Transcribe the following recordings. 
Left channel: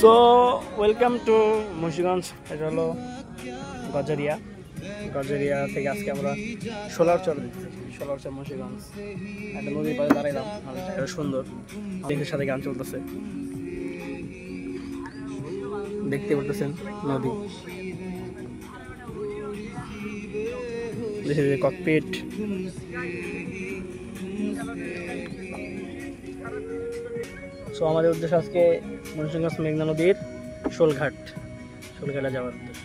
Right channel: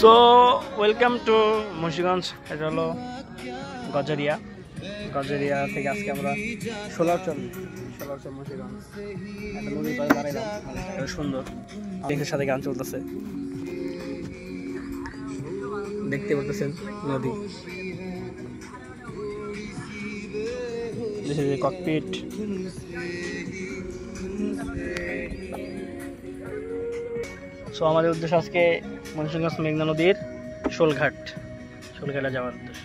So welcome to Munshiganj. এটা হলো গজারিয়া। গজারিয়া থেকে আজকে আমরা সোলারচর মুন্সিগঞ্জ একটা নদীর পাড়ে দাঁড়াইলাম। এটা সুন্দর, দেখের সাথে গান চলতেছে, দেখতে পারতেছেন নদী, ককপিট। সো আমাদের উদ্দেশ্য আজকে মুন্সিগঞ্জ মেঘনা নদীর শোলঘাটে যাওয়ার উদ্দেশ্য।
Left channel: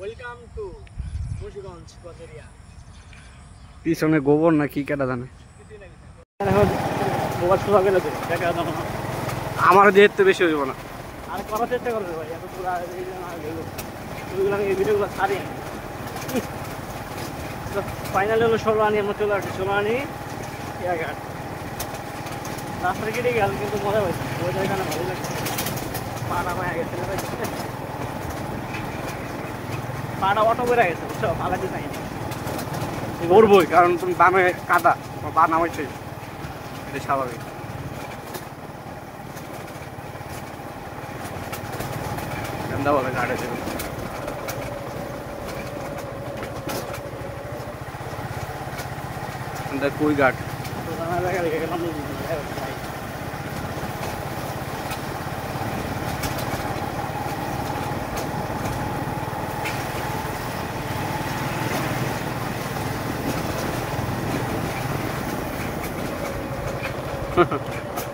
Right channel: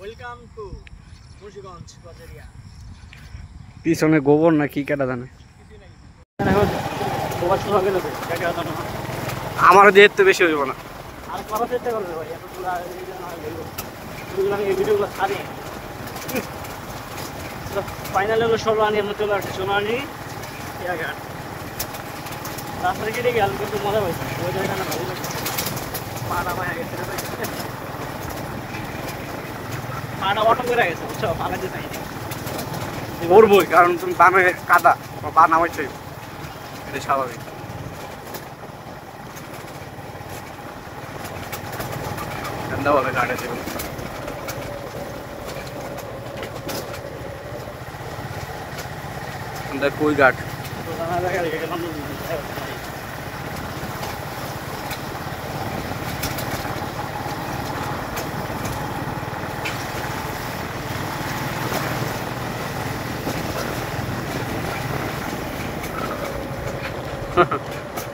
Welcome to Munshiganj Gazaria. পিছনে গোবর না কি কাটা জানে, আমার যেহেতু তো বেশি হইব না। ফাইনাল হলো সোলানি, চলে আসছে সোলানি ঘাট। রাস্তাটা কেটে গেল কিন্তু মজা হয়েছে, পাটা অটো করে গেছে, বুঝছো, ভালো চাই করবই, কারণ তুমি বানে কাদা বা নামাইছই, স্বাভাবিক। বলে গাড়ি দেবে কই ঘাট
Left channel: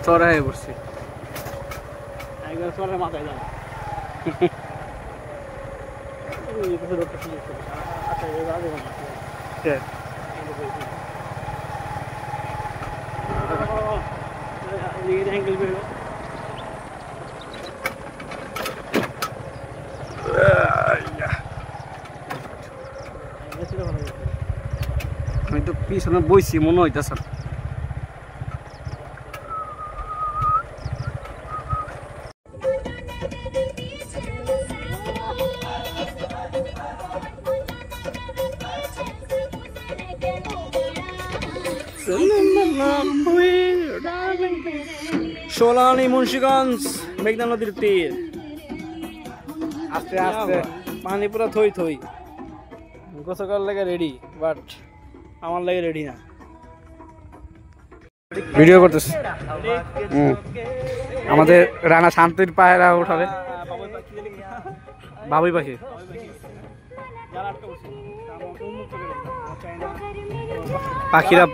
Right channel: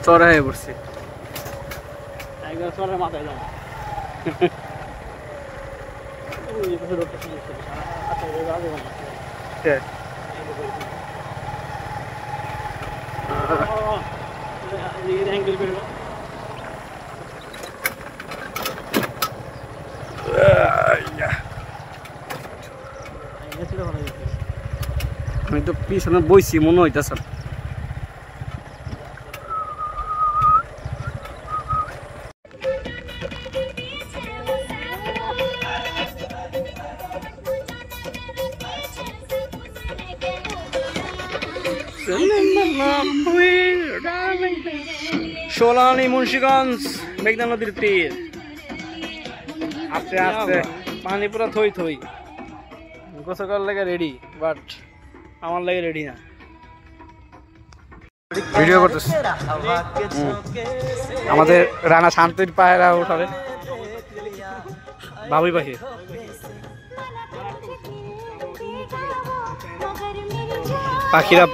চড়া হয়ে পড়ছে একদম, চড়া মাথায় যায়। আমি তো পিছনে বইছি, মনে হইতেছে সোলানি মুন্সিগঞ্জ মেঘনা নদীর তীর। আস্তে আস্তে পানি পুরা থই থই, গোসল লাগে রেডি, বাট আমার লাগে রেডি না। ভিডিও করতেছে আমাদের রানা শান্তির পায়রা ওঠাবে বাবুই পাখি। পাখিরা